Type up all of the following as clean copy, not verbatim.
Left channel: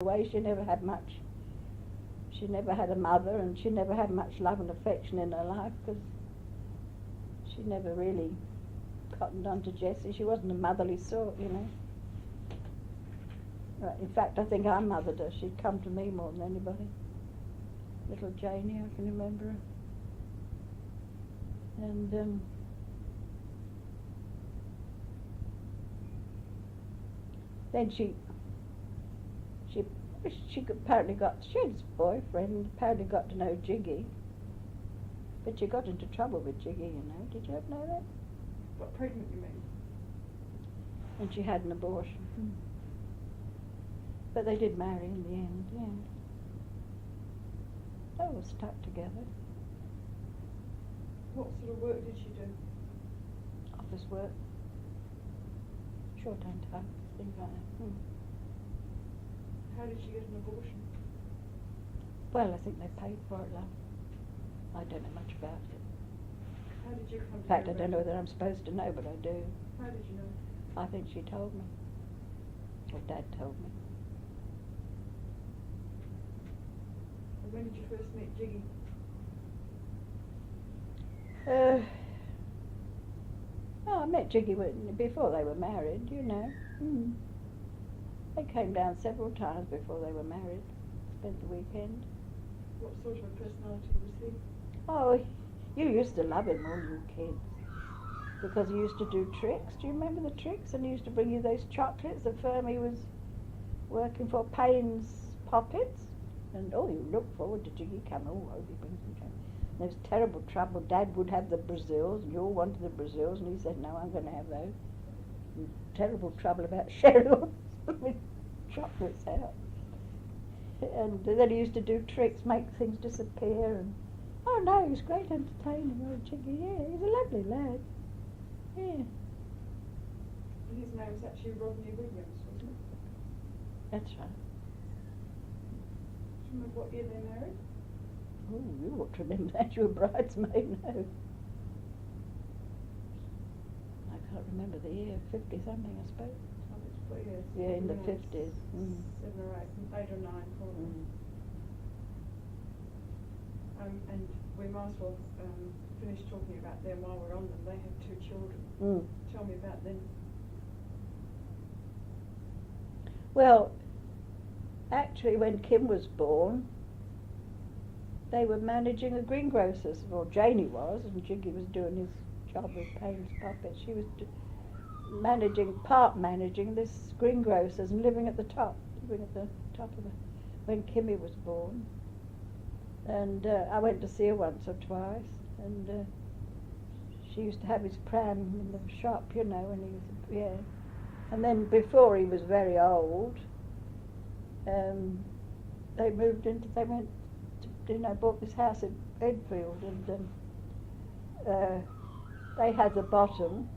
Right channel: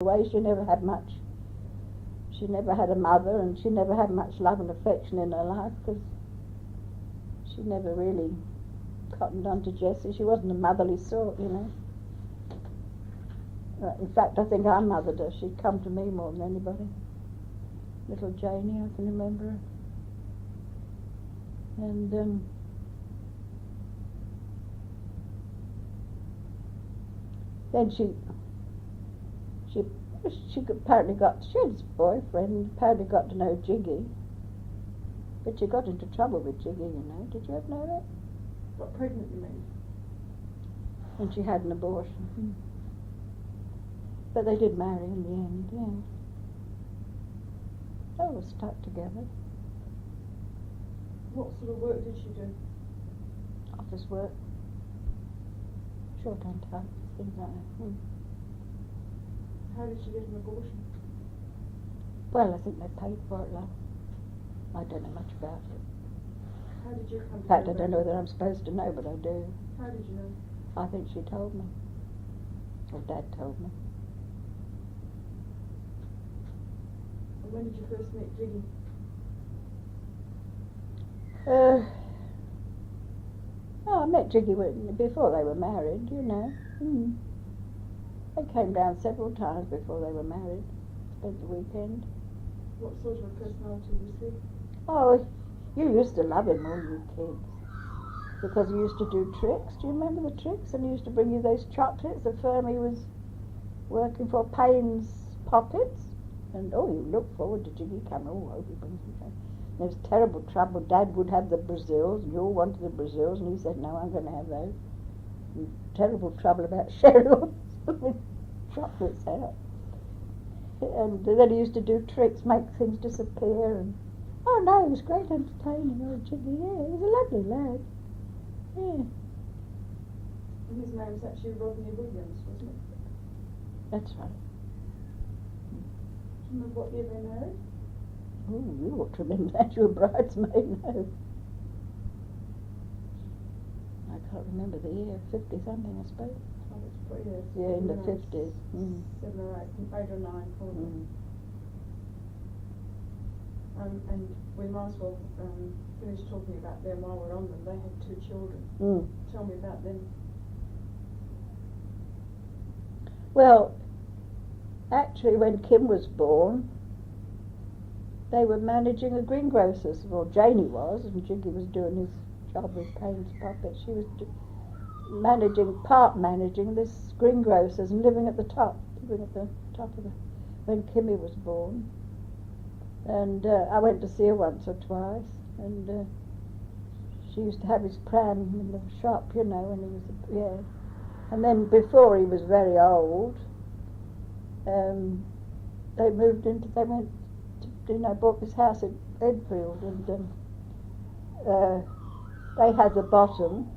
away. She never had much. She never had a mother, and she never had much love and affection in her life because she never really cottoned on to Jessie. She wasn't a motherly sort, you know. In fact, I think I mothered her. She'd come to me more than anybody. Little Janie, I can remember her. And then she apparently she had this boyfriend, apparently got to know Jiggy. But she got into trouble with Jiggy, you know. Did you ever know that? Got pregnant, you mean? And she had an abortion. But they did marry in the end, yeah. They were stuck together. What sort of work did she do? Office work. Short-hand type, things like that. How did she get an abortion? Well, I think they paid for it, love. I don't know much about it. How did you come In fact, to I don't know whether I'm supposed to know, but I do. How did you know? I think she told me. Or Dad told me. And when did you first meet Jiggy? I met Jiggy before they were married, you know. They came down several times before they were married. Spent the weekend. What sort of a personality was he? Oh, you used to love him, all you kids. Because he used to do tricks. Do you remember the tricks? And he used to bring you those chocolates. The firm he was working for, Payne's Poppets. And you looked forward to Jiggy coming. Oh, I hope he brings me chocolates. There was terrible trouble. Dad would have the Brazils, and you all wanted the Brazils, and he said, no, I'm going to have those. And terrible trouble about Cheryl with chocolates out. And then he used to do tricks, make things disappear, and oh no, he was great entertaining, Jiggy, yeah, he's a lovely lad. Yeah. And his name was actually Rodney Williams, wasn't it? That's right. Do you remember what year they married? Oh, you ought to remember that, you were bridesmaid, no. I can't remember the year, 50-something, I suppose. Oh, it's 4 years. Yeah, in the 50s. 7 or 8 or 9, probably. And we might as well finish talking about them while we're on them. They had 2 children. Tell me about them. Well, actually when Kim was born, they were managing a greengrocer's, well Janie was, and Jiggy was doing his job with Payne's Puppet. She was part managing this greengrocer's and living at the top of the, when Kimmy was born. And I went to see her once or twice, and she used to have his pram in the shop, you know, when he was, And then before he was very old, they went to, bought this house in Edfield, and they had the bottom,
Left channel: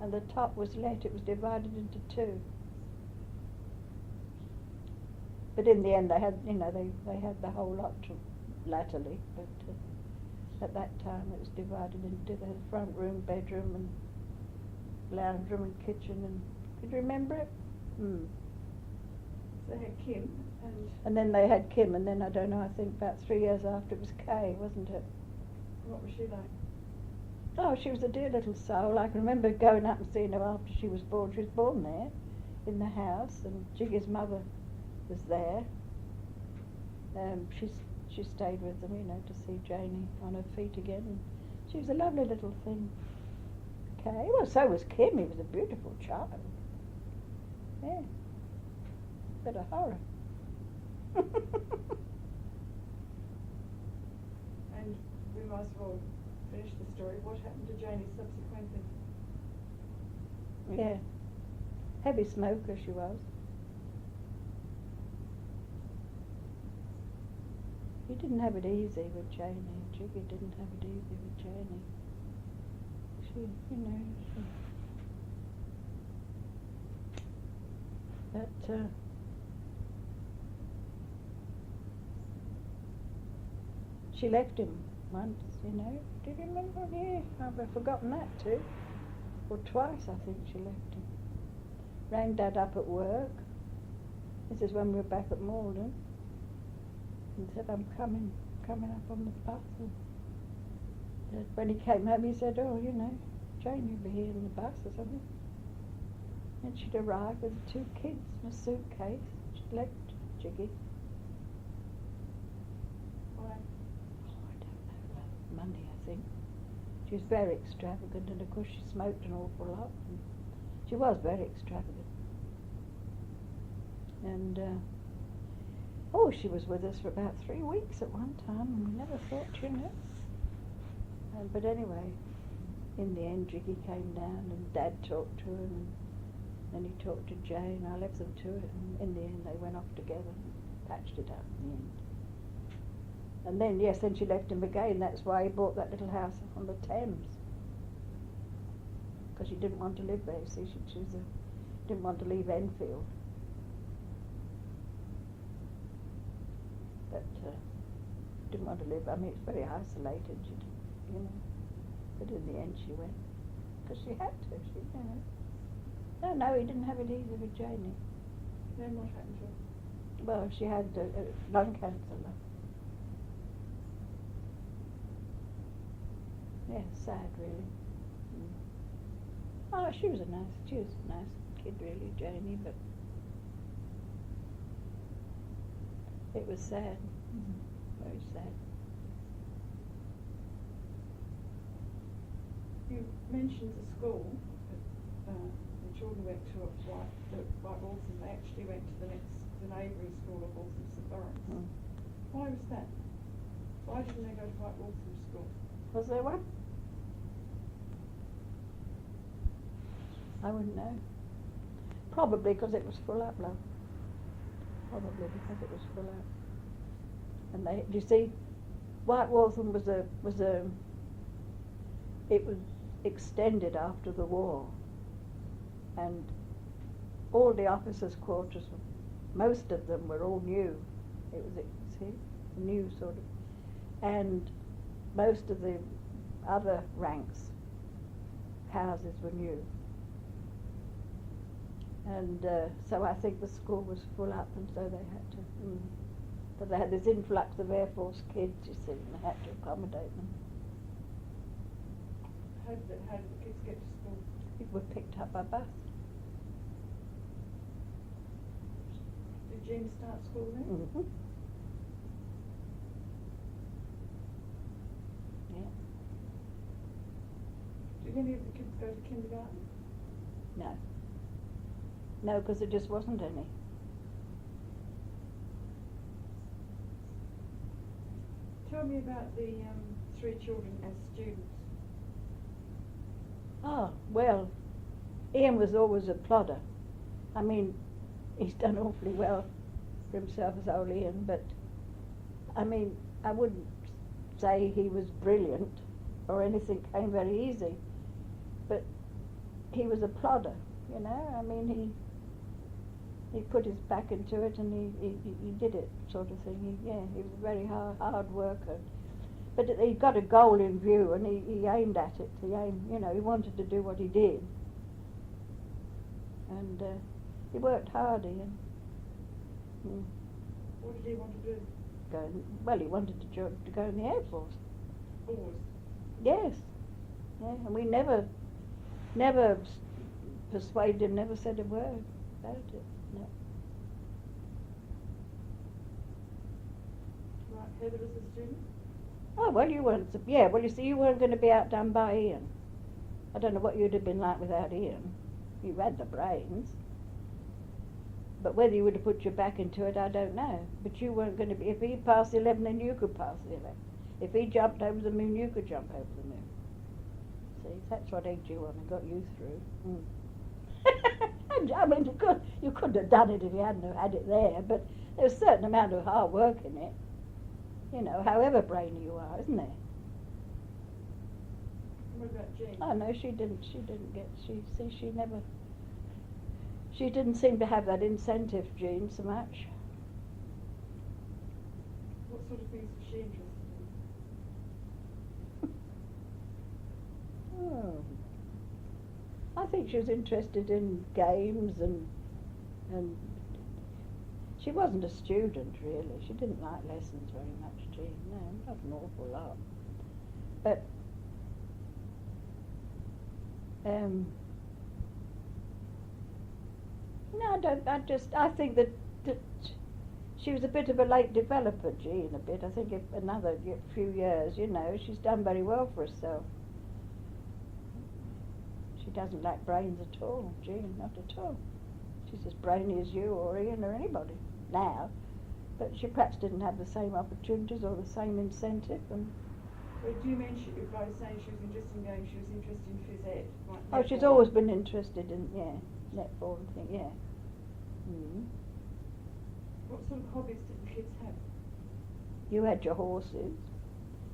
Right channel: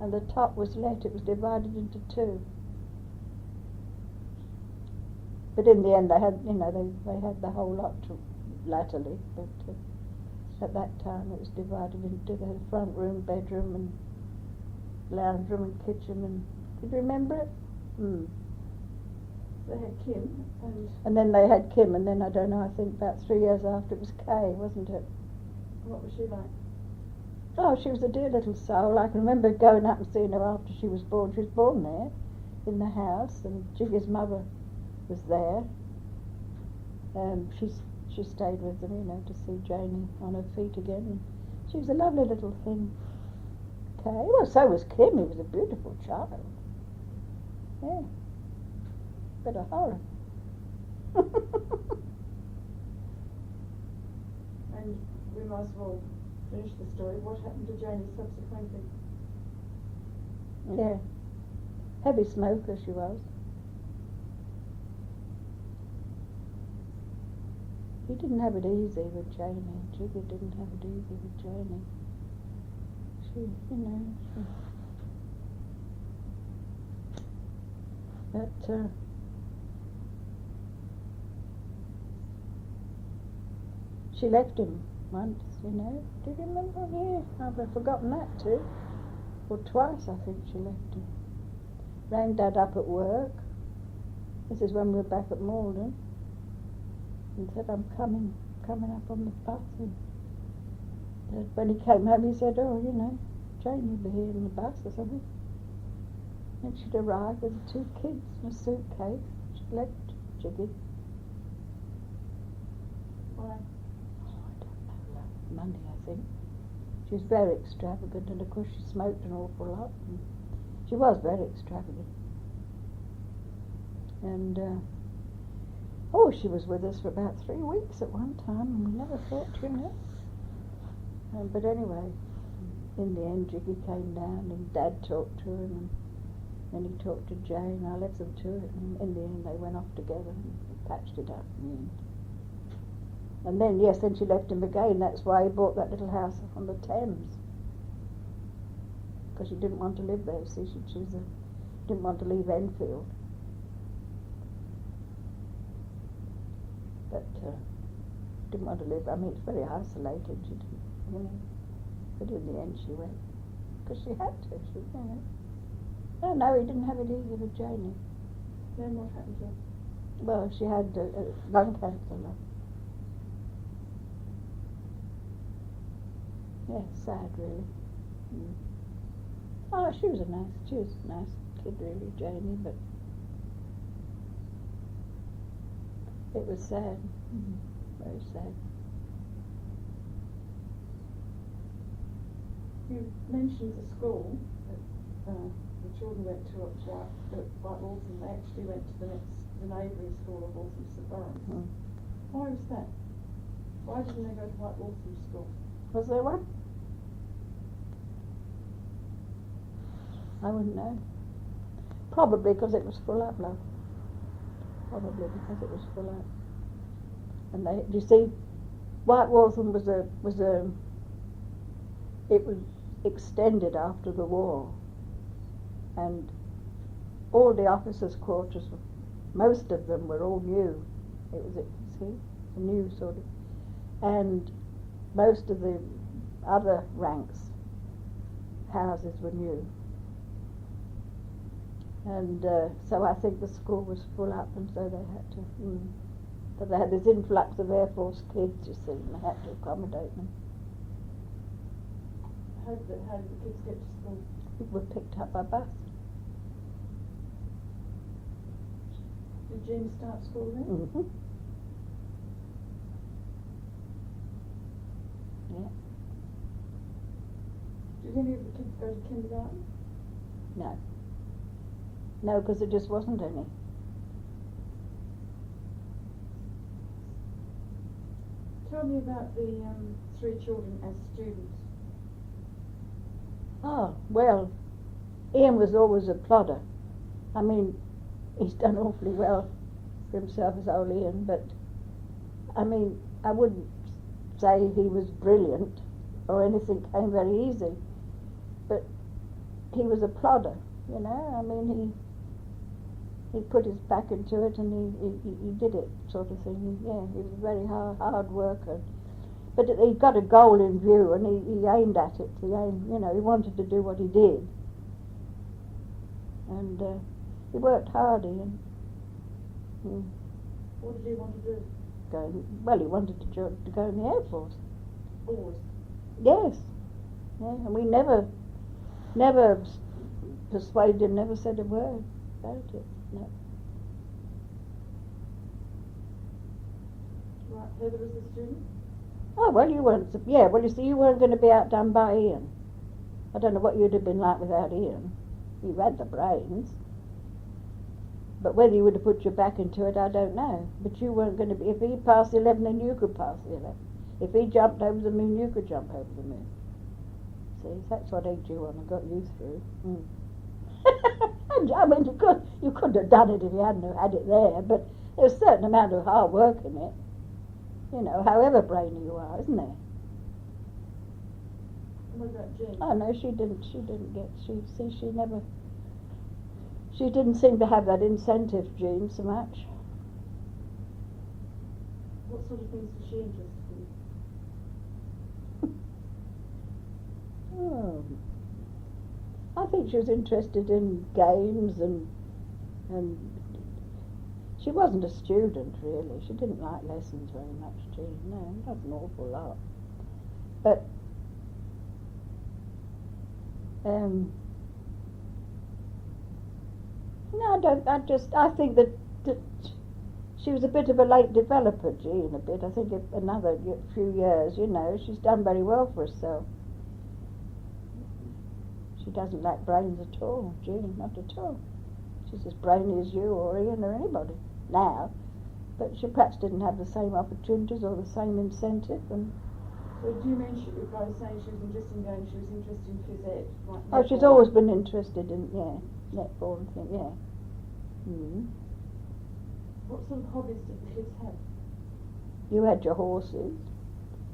and the top was let. It was divided into 2. But in the end, they had, they had the whole lot latterly. But at that time, it was divided into the front room, bedroom, and lounge room, and kitchen. And could you remember it? They had Kim, and then they had Kim, and then I don't know. I think about 3 years after it was Kay, wasn't it? What was she like? Oh, she was a dear little soul. I can remember going up and seeing her after she was born. She was born there, in the house, and Jiggy's mother was there. She stayed with them, to see Janie on her feet again. And she was a lovely little thing. Kay. Well, so was Kim. He was a beautiful child. Yeah. Bit of horror. And we might as well finish the story. What happened to Janie subsequently? Yeah. Heavy smoker she was. He didn't have it easy with Janie. Jiggy didn't have it easy with Janie. She. But she left him once, Do you remember? Yeah, I've forgotten that too. Or twice, I think, she left him. Rang Dad up at work. This is when we were back at Malden. And said, I'm coming up on the bus. And when he came home, he said, oh, you know, Jane will be here on the bus or something. And she'd arrived with the 2 kids in a suitcase. She'd left Jiggy. Why? I don't know, Monday, I think. She was very extravagant, and of course she smoked an awful lot. And she was very extravagant. And, she was with us for about 3 weeks at one time, and we never thought, you know. But anyway, in the end, Jiggy came down, and Dad talked to him, and then he talked to Jane. I left them to it, and in the end, they went off together and patched it up in the end. And then, yes, then she left him again. That's why he bought that little house on the Thames. Because she didn't want to live there, see. She didn't want to leave Enfield. But didn't want to live, I mean, it's very isolated, she didn't, you know. But in the end she went. Because she had to, you know. No, he didn't have it easy with Janie. Then what happened to her? Well, she had lung cancer, love. Yeah, sad, really. Mm. Oh, she was a nice kid, really, Janie, but it was sad, very sad. You mentioned the school that the children went to at White Waltham. They actually went to the neighbouring school of Waltham St Lawrence. Mm. Why was that? Why didn't they go to White Waltham school? Was there one? I wouldn't know. Probably because it was full up, love. Probably because it was full up. And they, you see, White Waltham it was extended after the war, and all the officers' quarters, most of them were all new. It was, a new sort of, and most of the other ranks' houses were new. And so I think the school was full up, and so they had to. But they had this influx of Air Force kids, you see, and they had to accommodate them. How did the kids get to school? People were picked up by bus. Did Jean start school then? Mm-hmm. Yeah. Did any of the kids go to kindergarten? No. No, because there just wasn't any. Tell me about the 3 children as students. Oh, well, Ian was always a plodder. I mean, he's done awfully well for himself as old Ian, but, I mean, I wouldn't say he was brilliant or anything came very easy, but he was a plodder, you know. I mean, he put his back into it, and he did it, sort of thing. He was a very hard worker. But he got a goal in view, and he aimed at it. He wanted to do what he did. And he worked hard, Ian. What did he want to do? He wanted to go in the Air Force. Always? Yes. Yeah, and we never persuaded him, never said a word about it. No. Right, Heather as a student? Oh, well, you weren't, you see, you weren't going to be outdone by Ian. I don't know what you'd have been like without Ian. You had the brains. But whether you would have put your back into it, I don't know. But you weren't going to be, if he passed the 11, then you could pass the 11. If he jumped over the moon, you could jump over the moon. See, that's what egged you on and got you through. I mean, you couldn't have done it if you hadn't have had it there, but there's a certain amount of hard work in it. You know, however brainy you are, isn't there? What about Jean? Oh no, she didn't seem to have that incentive, Jean, so much. What sort of things was she interested in? Oh, I think she was interested in games and She wasn't a student really. She didn't like lessons very much, Jean. No, not an awful lot. But no, I think that she was a bit of a late developer, Jean, a bit. I think if another few years, she's done very well for herself. She doesn't lack brains at all, Jean, not at all. She's as brainy as you or Ian or anybody now, but she perhaps didn't have the same opportunities or the same incentive. And So do you mean by saying she was interested in games, she was interested in phys ed? oh, she's always been interested in netball and things, yeah. Mm. What sort of hobbies did the kids have? You had your horses.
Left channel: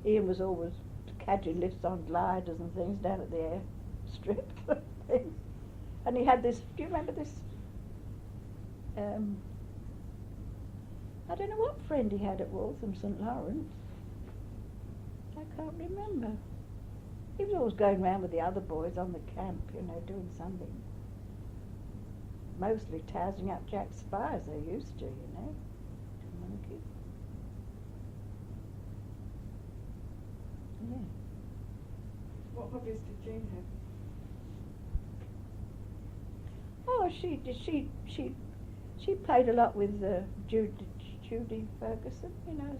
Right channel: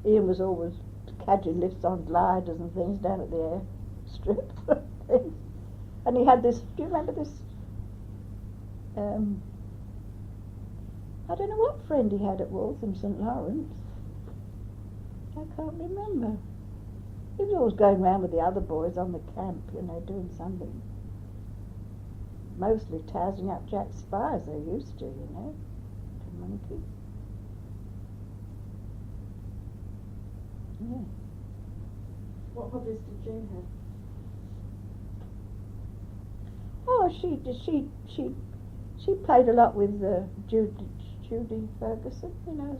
Ian was always cadging lifts on gliders and things down at the airstrip. And he had this, do you remember this? I don't know what friend he had at Waltham St Lawrence. I can't remember. He was always going round with the other boys on the camp, doing something. Mostly tousing up Jack Spires, they used to, The monkey. Yeah. What hobbies did Jean have? Oh, she played a lot with Judy Ferguson,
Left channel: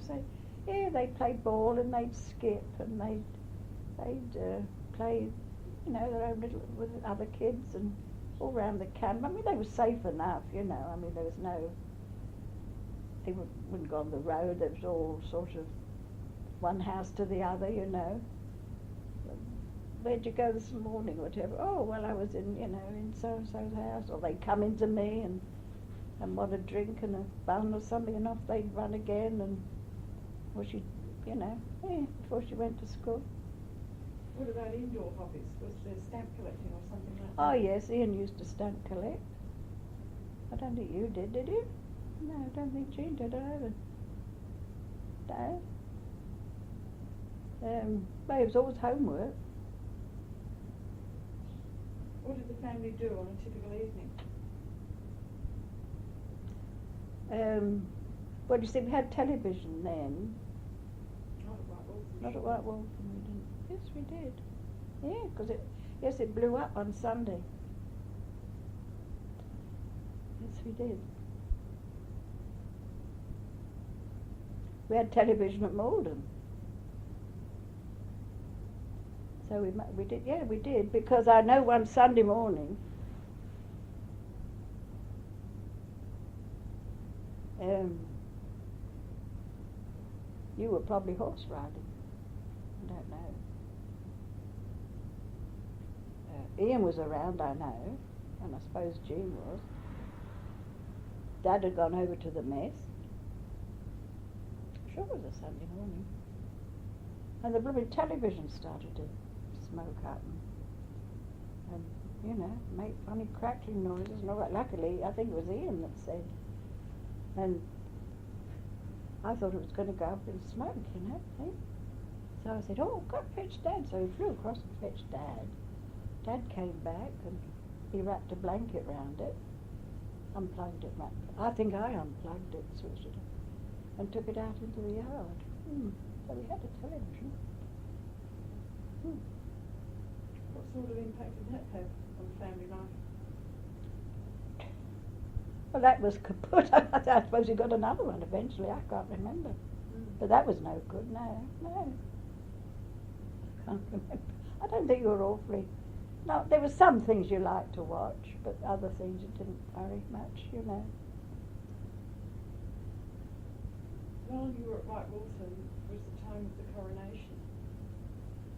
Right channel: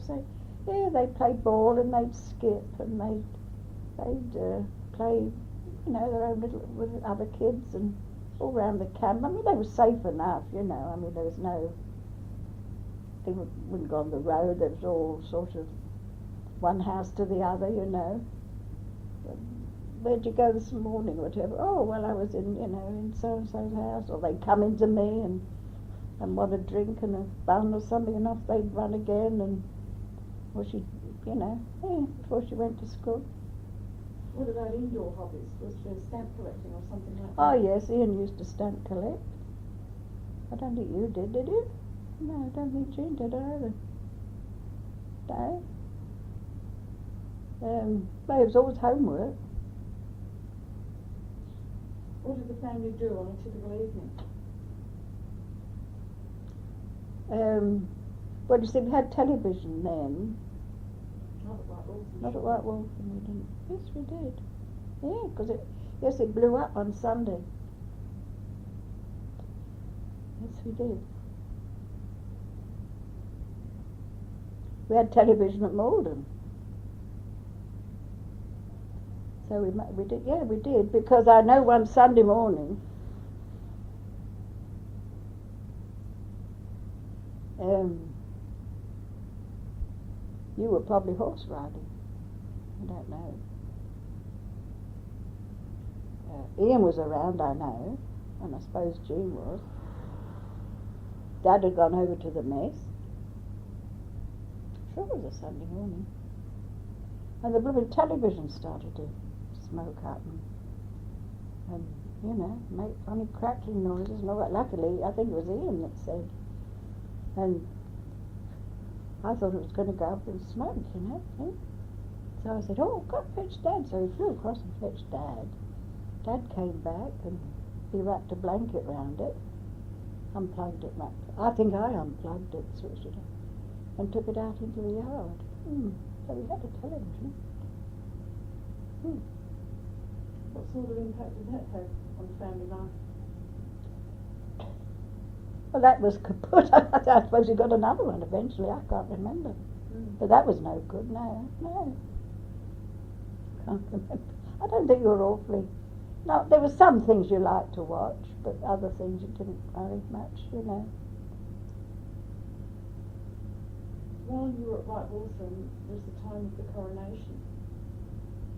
so yeah, they played ball and they'd skip and they'd play, their own little with other kids and all round the camp. I mean, they were safe enough, I mean, there was no, they wouldn't go on the road. There was all sort of one house to the other, Where'd you go this morning, whatever? Oh, well, I was in so-and-so's house. Or they'd come into me and want a drink and a bun or something, and off they'd run again, or she, before she went to school. What about indoor hobbies? Was there stamp collecting or something like that? Oh, yes, Ian used to stamp collect. I don't think you did you? No, I don't think Jean did either. No. Well, it was always homework. What did the family do on a typical evening? Well, you see, we had television then. Not at White Waltham. Not at White Waltham, we didn't. Yes, we did. Yeah, because it blew up on Sunday. Yes, we did. We had television at Malden. So we did, yeah, we did, because I know one Sunday morning, you were probably horse riding. I don't know. Ian was around, I know, and I suppose Jean was. Dad had gone over to the mess. Sure it was a Sunday morning. And the blooming television started to smoke up and make funny crackling noises and all that. Luckily, I think it was Ian that said, and I thought it was going to go up in smoke, eh? So I said, oh, go fetch Dad. So he flew across and fetched Dad. Dad came back and he wrapped a blanket round it, unplugged it, I think I unplugged it, switched it on, and took it out into the yard. So we had a television. What sort of impact did that have on family life? Well, that was kaput. I suppose he got another one eventually. I can't remember. But that was no good. No. Can't remember. I don't think you were awfully. No, there were some things you liked to watch, but other things you didn't very much, While you were at White Waltham was the time of the coronation.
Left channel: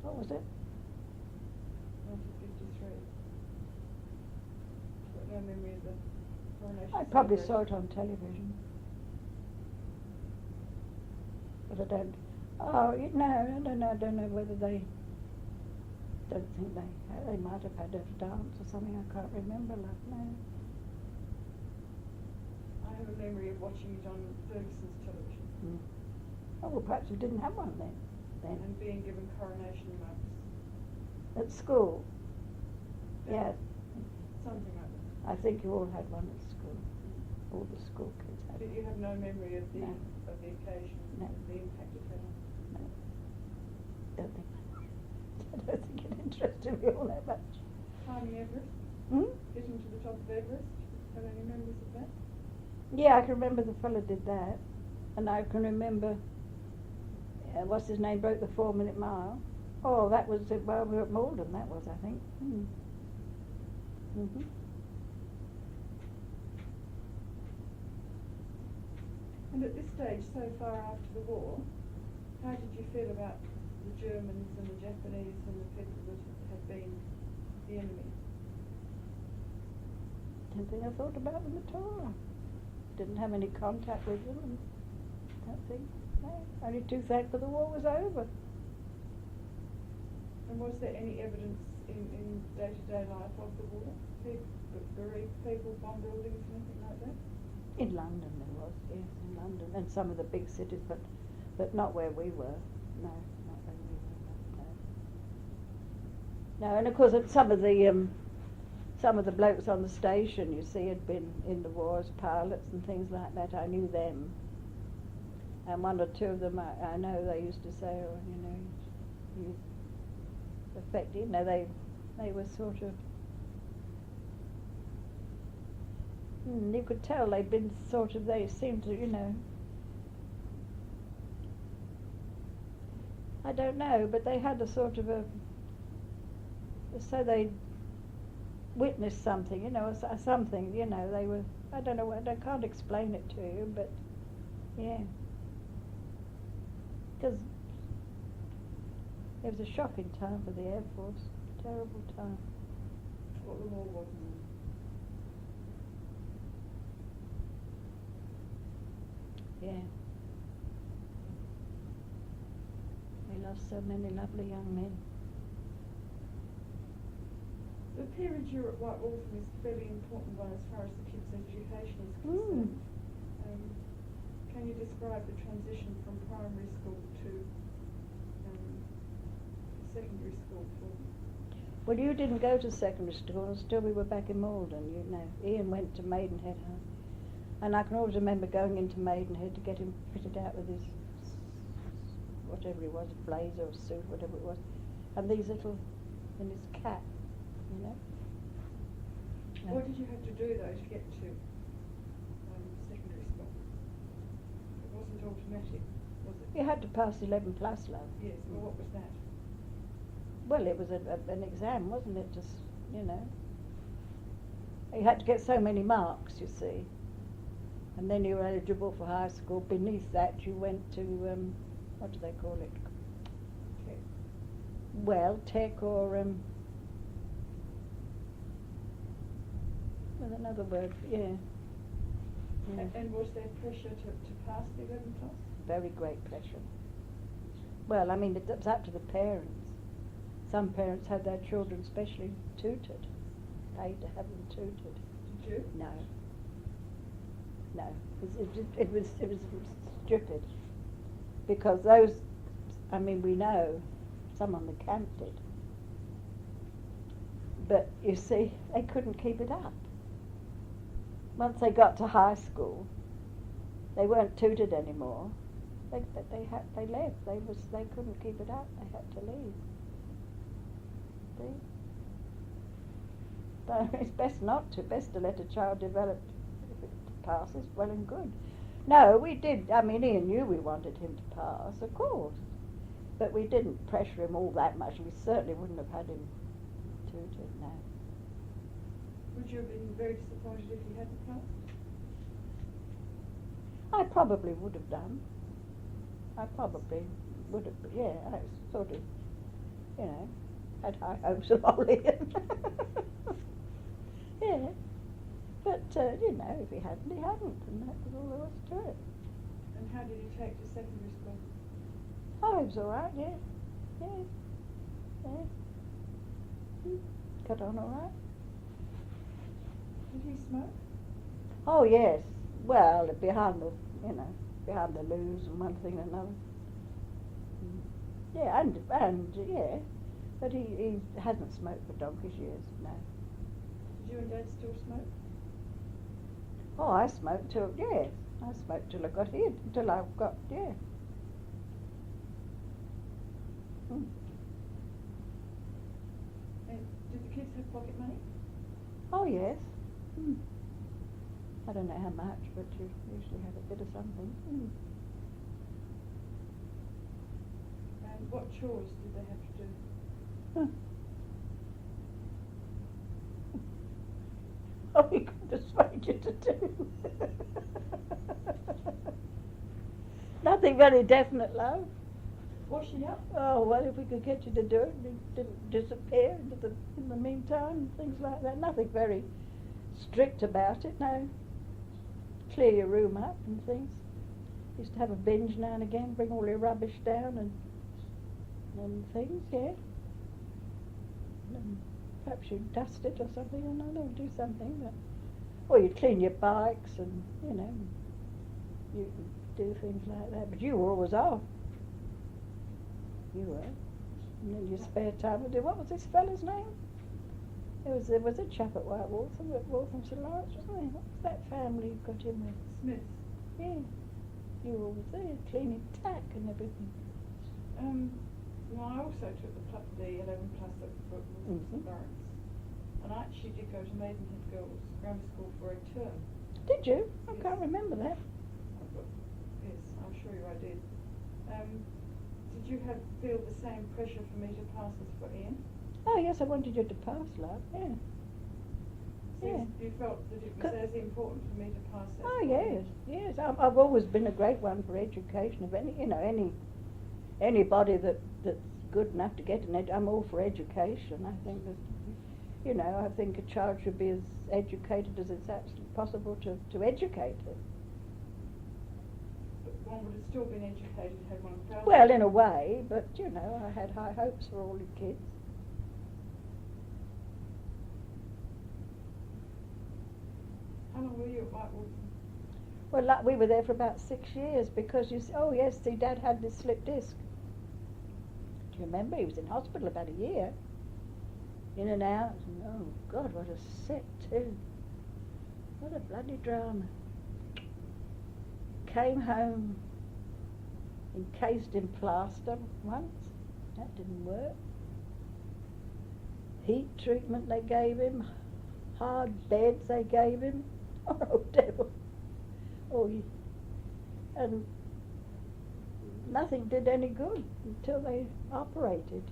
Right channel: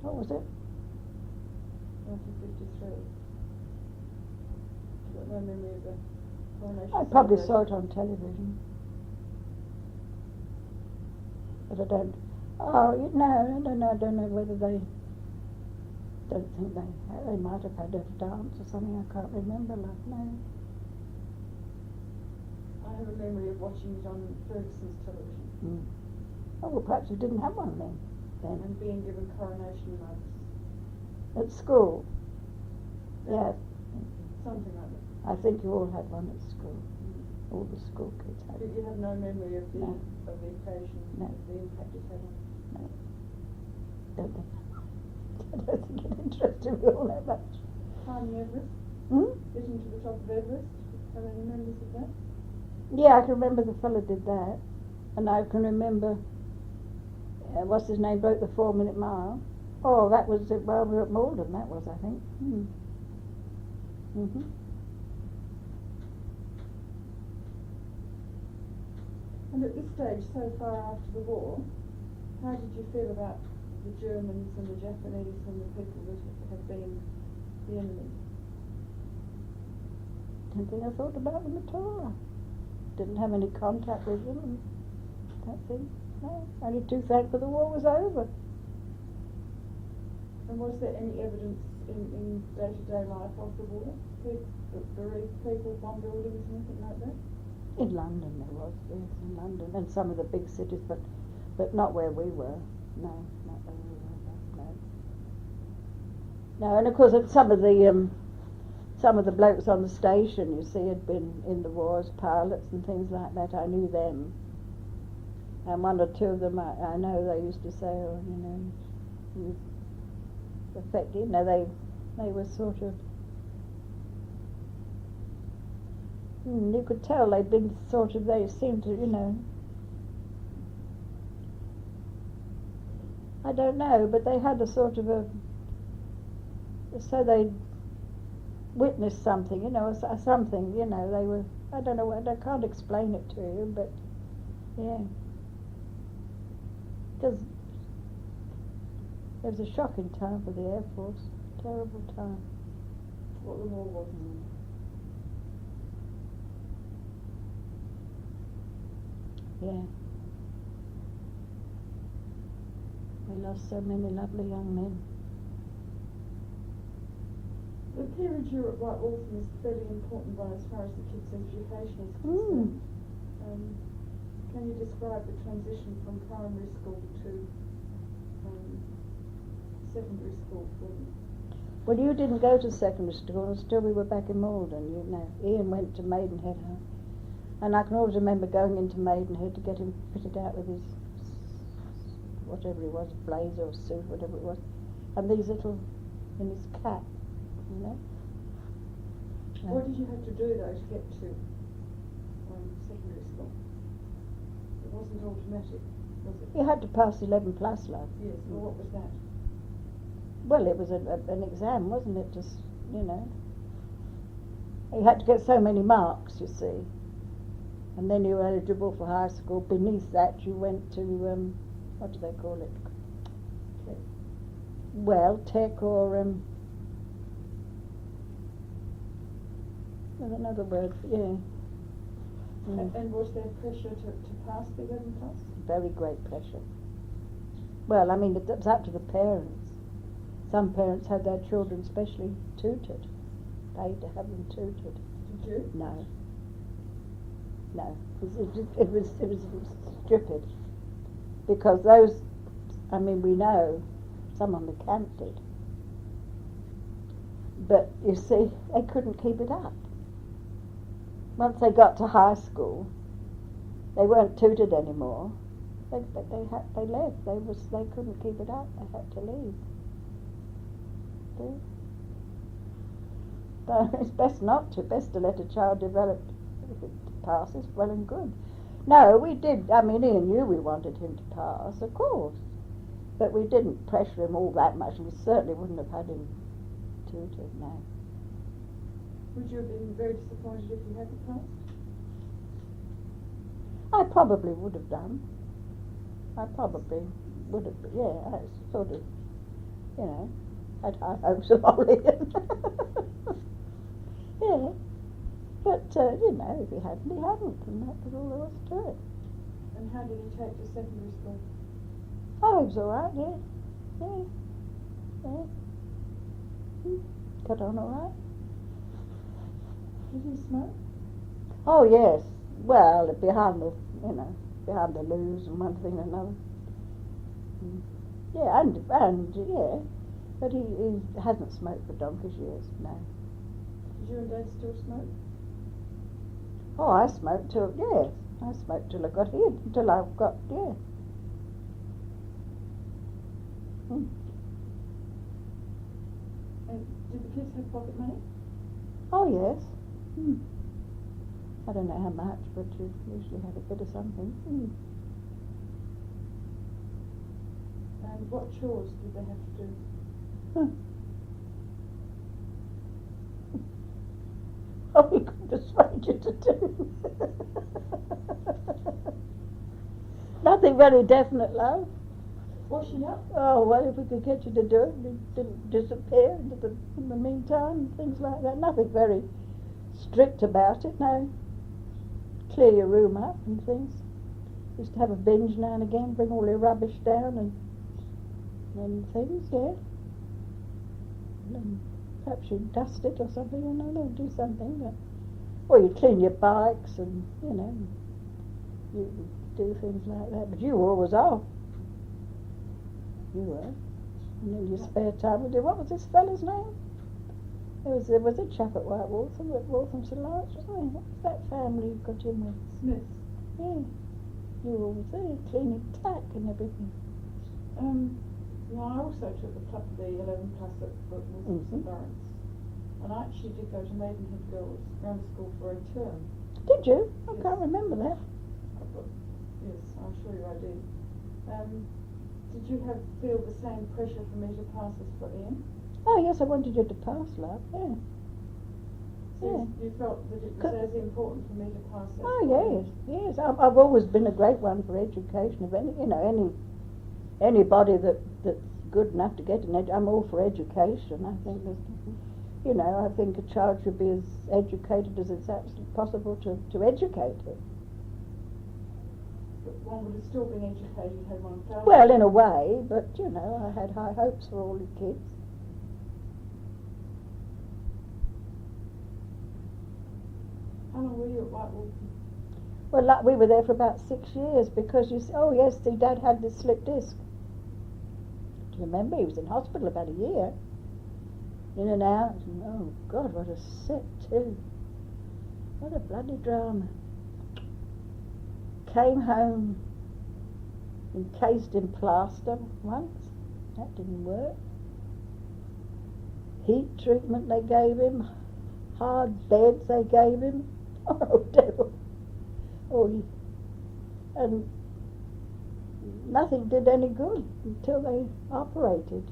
What was it? 1953. I've got no memory of the coronation. I probably saw it on television. But I don't. Oh, no, I don't know whether they. Don't think they might have had a dance or something. I can't remember. No. I have a memory of watching it on Ferguson's television. Oh, well, perhaps we didn't have one then. And being given coronation mugs. At school? Yeah. Something like that. I think you all had one at school. All the school kids had But it. you have no memory of the No. of the occasion, No. the impact it had? No. Don't think. I don't think it interested me all that much. Climbing Everest, Hmm? getting to the top of Everest, have any memories of that? Yeah, I can remember the fella did that, and I can remember what's his name broke the 4-minute mile. Oh, that was it while we were at Malden. That was, I think. Mhm. And at this stage, so far after the war, how did you feel about the Germans and the Japanese and the people that had been the enemy? Didn't think I thought about them at all. Didn't have any contact with them. And that thing. No. Only too thankful the war was over. And was there any evidence in day-to-day life of the war? Bereaved people, bomb buildings, anything like that? In London there was, yes, in London, and some of the big cities, but not where we were. No, not where we were. No. No, and of course some of the blokes on the station, you see, had been in the war as pilots and things like that. I knew them, and one or two of them I know they used to say, oh, you know, he was affected. You know, they were sort of. You could tell they'd been sort of, they seemed to, you know, I don't know, but they had a sort of so they witnessed something, you know, something, you know, they were, I don't know, I can't explain it to you, but, yeah. Because it was a shocking time for the Air Force, terrible time. What the war was? Yeah. We lost so many lovely young men. The period you were at White Waltham is a fairly important one as far as the kids' education is concerned. Can you describe the transition from primary school to secondary school for them? Well, you didn't go to secondary school until we were back in Malden, you know. Ian went to Maidenhead High. And I can always remember going into Maidenhead to get him fitted out with his, whatever it was, blazer or suit, whatever it was. And these little, and his cap, you know. What did you have to do though to get to secondary school? It wasn't automatic, was it? You had to pass 11 plus, love. Yes, well what was that? Well, it was an exam, wasn't it? Just, you know. You had to get so many marks, you see. And then you were eligible for high school. Beneath that you went to, what do they call it? Okay. Well, tech or, there's another word for, yeah. And was there pressure to pass the 11 plus? Very great pressure. Well, I mean, it's up to the parents. Some parents had their children specially tutored, paid to have them tutored. Did you? No. No, it was stupid, because those, I mean, we know some on the camp did, but you see, they couldn't keep it up. Once they got to high school, they weren't tutored anymore. They left. They couldn't keep it up. They had to leave. See? But it's best not to. Best to let a child develop. If it passes, well and good. No, we did. I mean, Ian knew we wanted him to pass, of course, but we didn't pressure him all that much. We certainly wouldn't have had him tutored. No. Would you have been very disappointed if he hadn't passed? I probably would have done. I probably would have. Yeah, I sort of, you know, had high hopes of Ian. Yeah. But, you know, if he hadn't, he hadn't, and that was all there was to it. And how did he take to secondary school? Oh, he was all right, yeah. Yeah. Yeah. Got on all right. Did he smoke? Oh, yes. Well, behind the, you know, behind the loos and one thing and another. Yeah, and yeah. But he hasn't smoked for donkey's years, no. Did you and Dad still smoke? Oh, I smoked till, yeah, I smoked till I got here, till I got, yeah. Mm. And did the kids have pocket money? Oh, yes. Mm. I don't know how much, but you usually have a bit of something. Mm. And what chores did they have to do? Huh. Oh, we could persuade you to do. Nothing very definite, love. Washing up? Oh, well, if we could get you to do it, you didn't disappear in the meantime, things like that. Nothing very strict about it, no. Clear your room up and things. Used to have a binge now and again, bring all your rubbish down and things, yeah. And perhaps you dust it or something, or no, do something. But, or you clean your bikes and, you know, you do things like that. But you were always off. You were. And then your spare time, what was this fellow's name? There was a chap at White Waltham, St Lawrence, wasn't there? What was that family you got in with? Smith. Yeah. You were always there, cleaning tack and everything. Well, I also took the 11 plus at St Lawrence. And I actually did go to Maidenhead Girls Grammar School for a term. Did you? I Yes. can't remember that. Yes, I'm sure I did. Did you feel the same pressure for me to pass as for Ian? Oh, yes, I wanted you to pass, love, yeah. So Yeah. you felt that it was as important for me to pass as Oh, for yes, Ian? yes. I've always been a great one for education. Of anybody that's good enough to get I'm all for education. I think I think a child should be as educated as it's actually possible to educate it. But one would have still been educated had one felt. Well, in a way, but I had high hopes for all the kids. How long were you at White Waltham? Well, we were there for about 6 years because oh yes, see, Dad had this slip disc. Do you remember? He was in hospital about a year. In and out. And, oh God, what a set too. What a bloody drama. Came home encased in plaster once. That didn't work. Heat treatment they gave him. Hard beds they gave him. Oh, devil. And nothing did any good until they operated,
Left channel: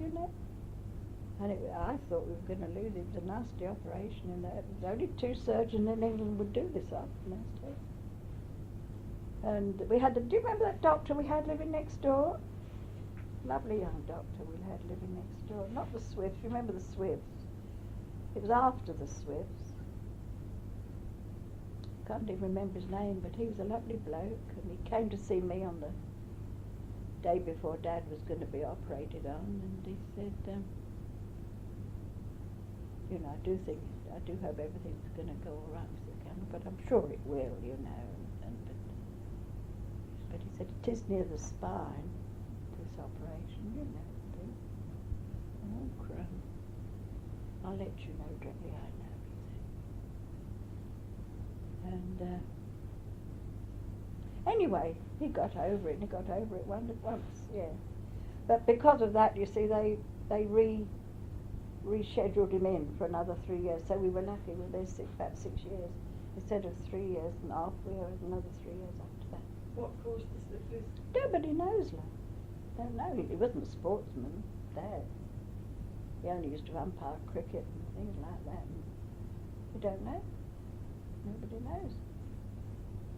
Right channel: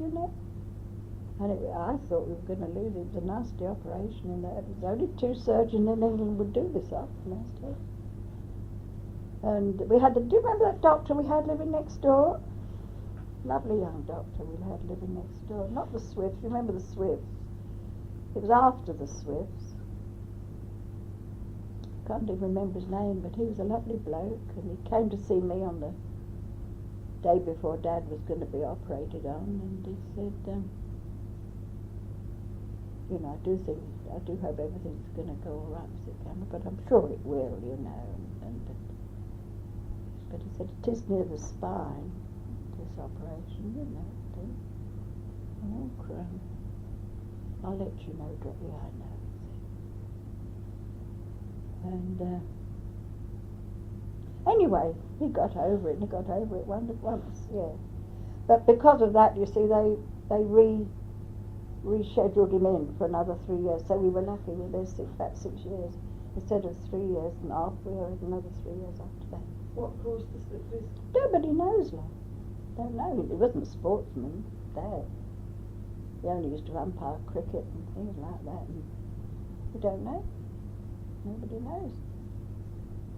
And I thought we were going to lose him. It was a nasty operation, and there was only 2 surgeons in England would do this up, nasty. And we had do you remember that doctor we had living next door? Lovely young doctor we had living next door. Not the Swifts. You remember the Swifts? It was after the Swifts. Can't even remember his name, but he was a lovely bloke, and he came to see me on the day before Dad was going to be operated on, and he said, I do hope everything's going to go all right, Mr. Campbell, but I'm sure it will, but he said it is near the spine, this operation, Oh, crumb. I'll let you know directly I know, he said. And anyway, he got over it once, yeah. But because of that, you see, they rescheduled him in for another 3 years, so we were lucky. We were there about 6 years. Instead of 3 years and a half, we were another 3 years after that. What caused the slip disc? Nobody knows, love. Don't know. He wasn't a sportsman, Dad. He only used to umpire cricket and things like that, and we don't know. Nobody knows.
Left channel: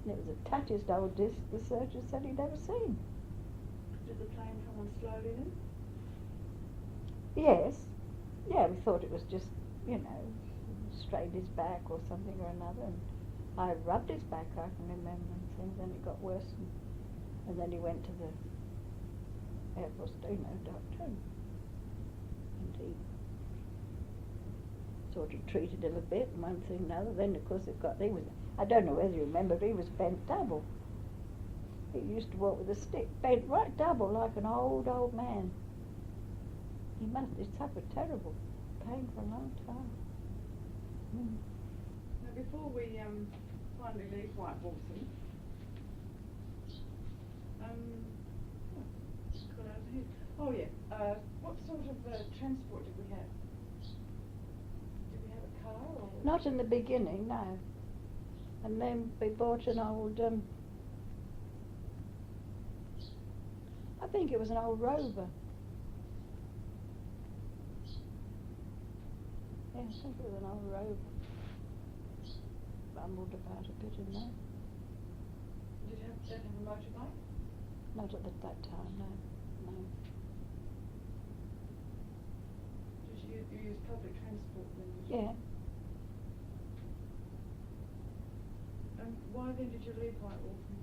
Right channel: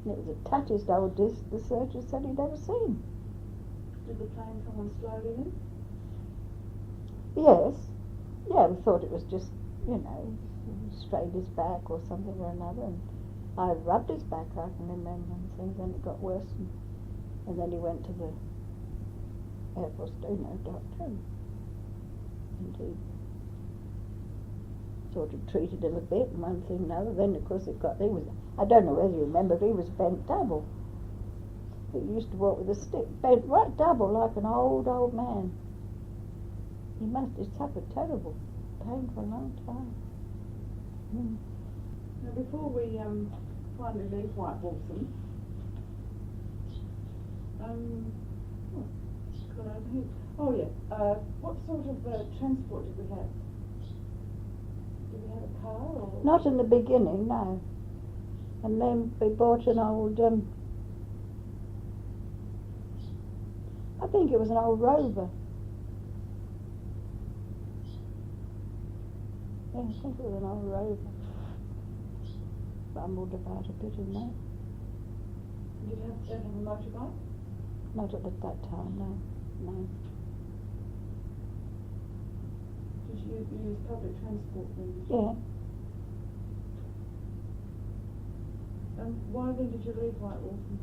And it was the tattiest old disc the surgeon said he'd ever seen. Did the plane come on slowly then? Yes. Yeah, we thought it was just, strained his back or something or another. And I rubbed his back, I can remember, and things. Then it got worse. And then he went to the Air Force, doctor. And he sort of treated him a bit, and one thing and another. Then, of course, I don't know whether you remember, but he was bent double. He used to walk with a stick, bent right double like an old man. He must have suffered terrible pain for a long time. Now, before we finally leave White Waltham. Got over here. Oh yeah. What sort of transport did we have? Did we have a car or? Not in the beginning, no. And then we bought an old, I think it was an old Rover. Yeah, I think it was an old Rover. Bumbled about a bit in there. Did you have a motorbike? Not at that time, no. No. Did you use public transport then? Yeah. And why then did you leave White Waltham?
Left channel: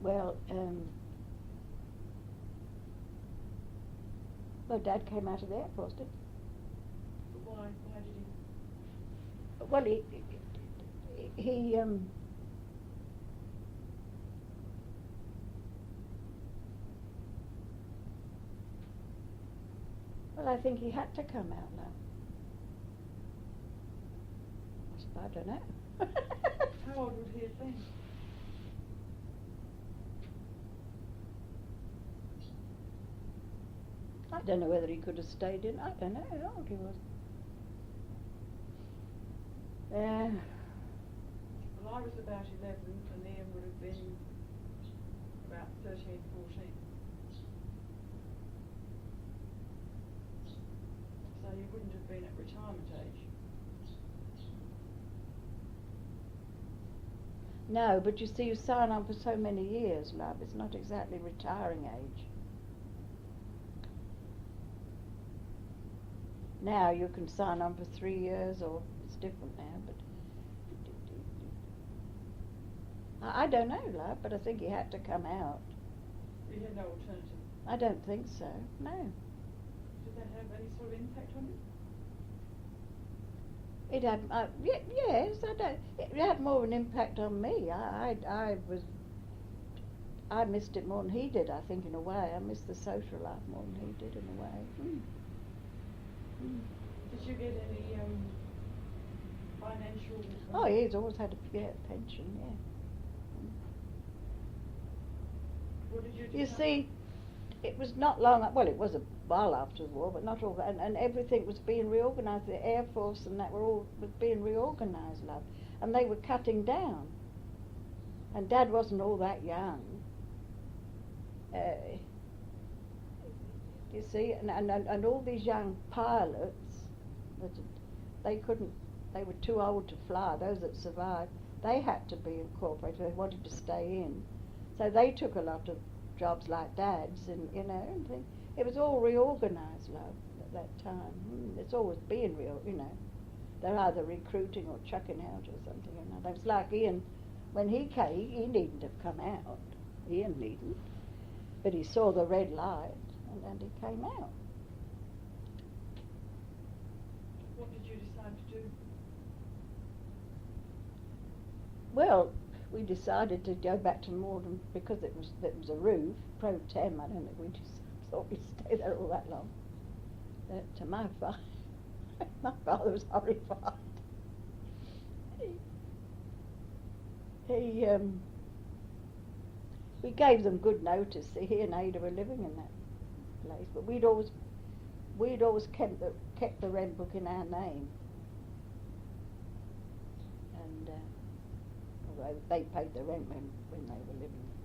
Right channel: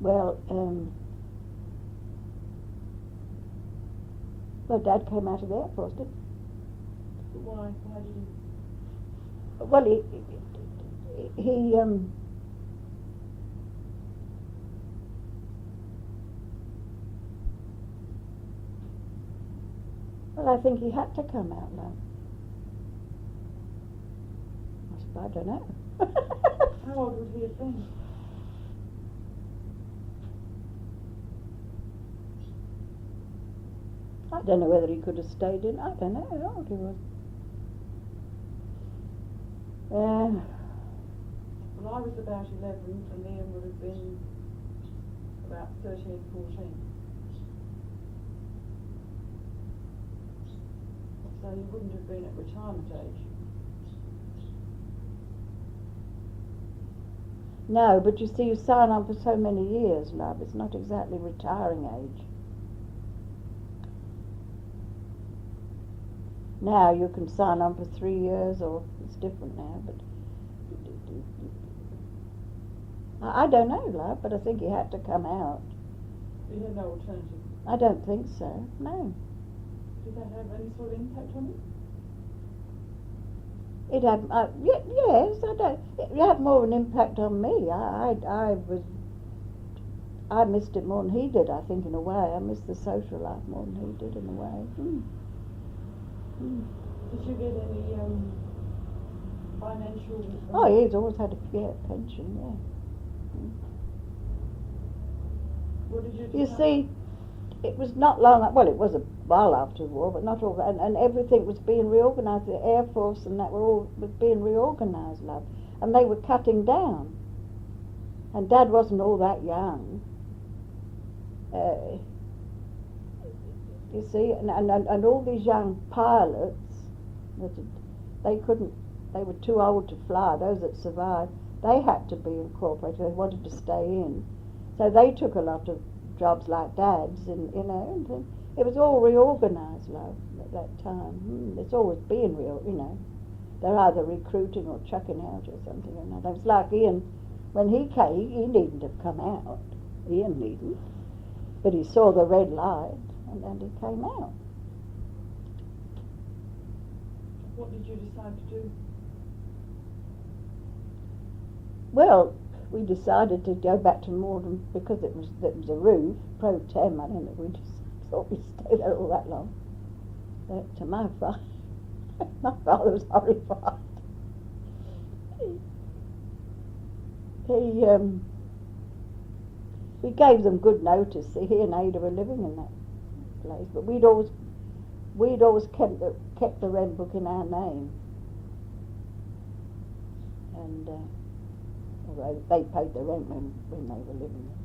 Well, Dad came out of the Air Force, did But why? Why did he? Well, he well, I think he had to come out now. I don't know. How old would he have been? I don't know whether he could have stayed in. I don't know how old he was. Well, I was about 11 and Ian would have been about 13, 14. So you wouldn't have been at retirement age. No, but you see, you sign on for so many years, love. It's not exactly retiring age. Now you can sign on for 3 years, or it's different now, but I don't know, love, but I think he had to come out. He had no alternative. I don't think so, no. Did that have any sort of impact on him? It had, yes, I don't. It had more of an impact on me. I missed it more than he did, I think, in a way. I missed the social life more than he did, in a way. Did you get any financial? Oh, he's always had a pension, yeah. What did you You see, it was not long, well, it was a while after the war, but not all, and everything was being reorganised. The Air Force and that was being reorganised, love, and they were cutting down. And Dad wasn't all that young. You see, and all these young pilots, they were too old to fly, those that survived, they had to be incorporated, they wanted to stay in. So they took a lot of jobs like Dad's, and and things. It was all reorganised, love, at that time. It's always being they're either recruiting or chucking out or something or another. It's like Ian, when he came, he needn't have come out. Ian needn't. But he saw the red light, and he came out. What did you decide to do? Well, we decided to go back to Morden because it was a roof, pro tem. I don't think we just thought we'd stay there all that long. To my father was horrified. We gave them good notice. He and Ada were living in that place, but we'd always kept the rent book in our name, and although they paid the rent when they were living there.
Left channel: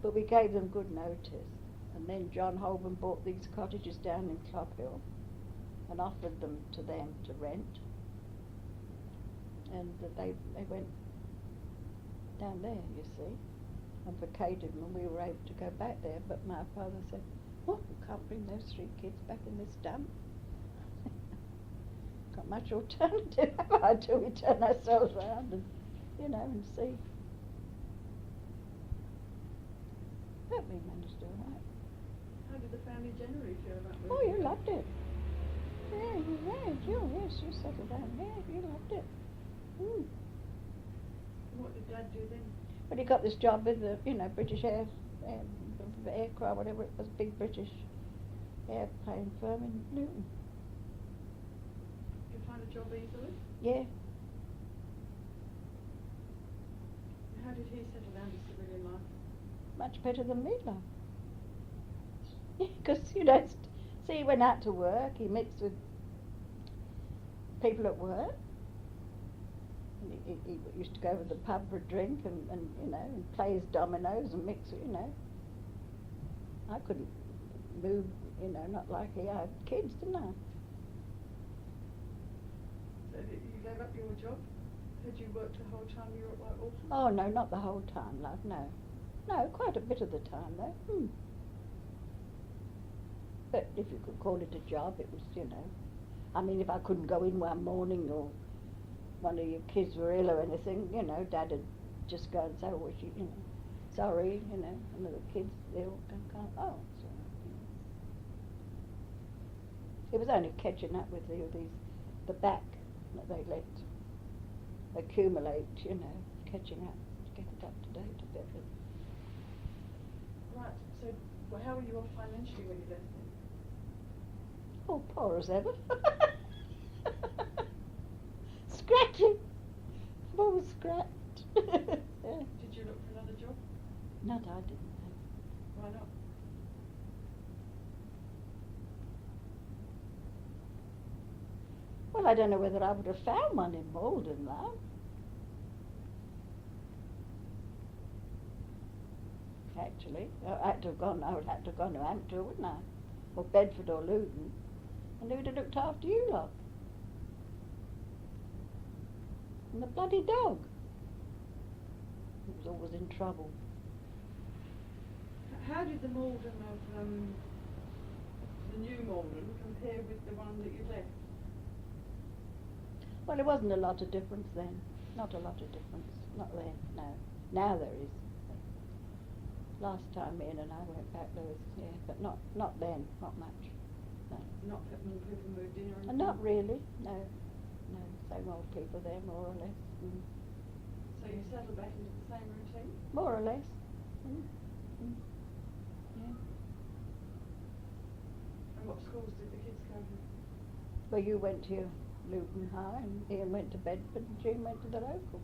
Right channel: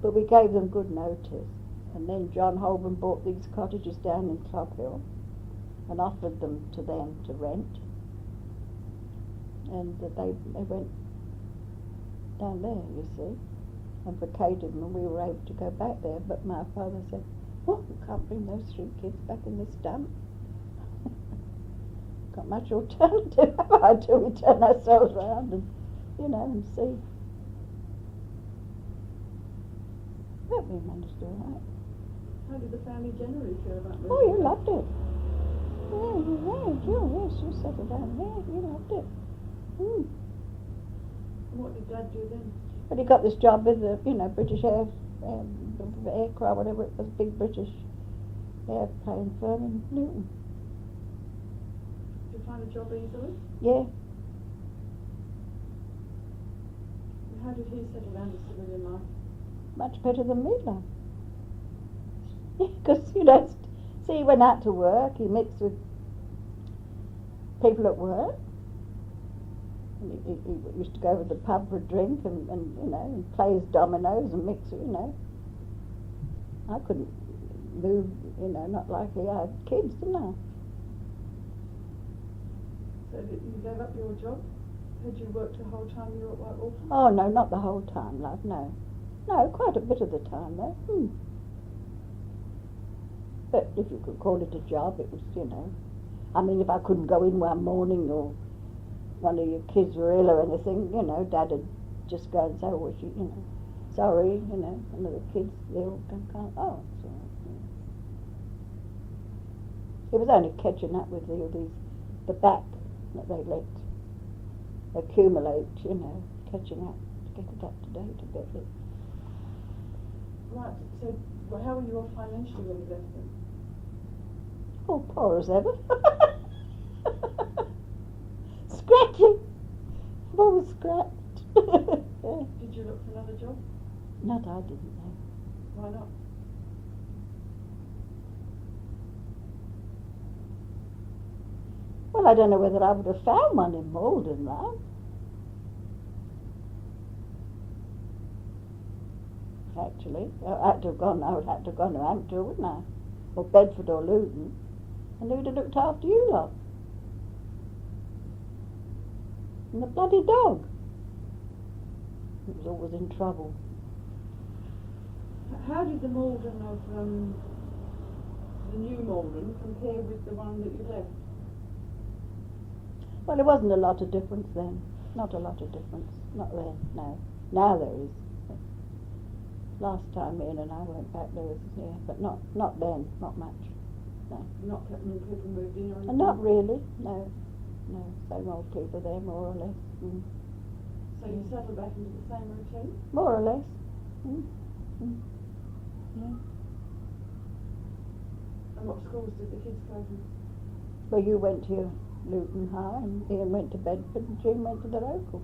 But we gave them good notice, and then John Holborn bought these cottages down in Clophill and offered them to rent, and they went down there, you see, and vacated, and we were able to go back there. But my father said, "Oh, we can't bring those 3 kids back in this dump. Got much alternative until we turn ourselves around and and see." But we managed to do all right. How did the family generally feel about moving? Oh, you loved it. Yeah, yes, you settled down. Yeah, you loved it. And what did Dad do then? But he got this job with the, British aircraft, whatever it was, big British airplane firm in Newton. Did you find a job easily? Yeah. How did he settle down to civilian life? Much better than me, love. Because, you know, see, he went out to work, he mixed with people at work. And he used to go to the pub for a drink and you know, and play his dominoes and mix, you know. I couldn't move, you know, not like he had kids, didn't I? So you gave up your job? Had you worked the whole time you were at White Waltham? Oh, no, not the whole time, love, no. No, quite a bit of the time, though. But if you could call it a job, it was, you know. I mean, if I couldn't go in one morning or one of your kids were ill or anything, you know, Dad would just go and say, oh, you know, sorry, you know, one of the kids ill, can't, oh, it's all right, you know. It was only catching up with the back that they let accumulate, you know, catching up, to get it up to date a bit. Right, so how were you off financially when you left them? Oh, poor as ever. Scratching. I'm always scratched. Yeah. Did you look for another job? Not I didn't know. Why not? Well, I don't know whether I would have found one in Malden, love. Actually, I would have had to have gone to Hampton, wouldn't I? Or Bedford or Luton. And who'd have looked after you lot? And the bloody dog. It was always in trouble. How did the Malden of the new Malden compare with the one that you left? Well, there wasn't a lot of difference then. Not a lot of difference. Not then, no. Now there is. Last time Ian and I went back there was, yeah, but not then, not much. No. Not that many people moved in or anything? Not really, no. No, same old people there, more or less. So you settled back into the same routine? More or less. Yeah. And what schools did the kids go to? Well, you went to Luton High, and Ian went to Bedford, and Jean went to the local.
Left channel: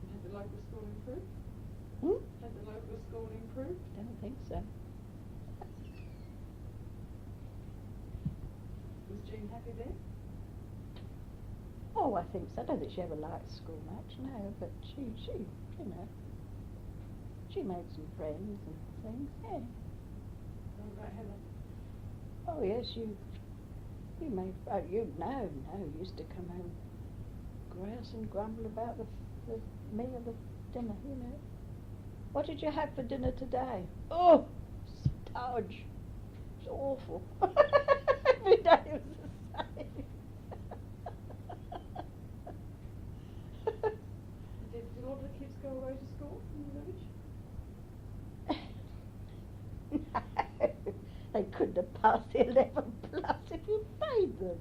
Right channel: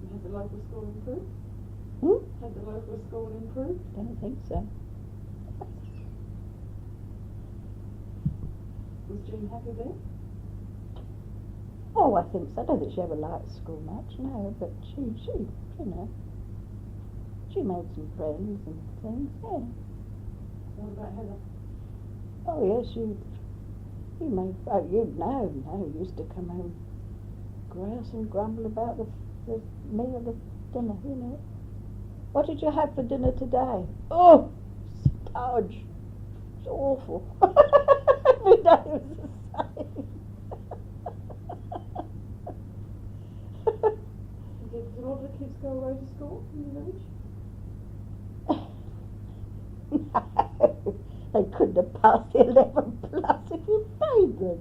And had the local school improved? Had the local school improved? Don't think so. Was Jean happy there? Oh, I think so. I don't think she ever liked school much, no, but she, you know, she made some friends and things, yeah. What about Heather? Oh, yes, you made, oh, you used to come home grouse and grumble about the meal, the dinner, you know. What did you have for dinner today? Oh, stodge. It's awful. Every day was the same. Did a lot of the kids go away to school in the village? No, they couldn't have passed the 11 plus if you paid them.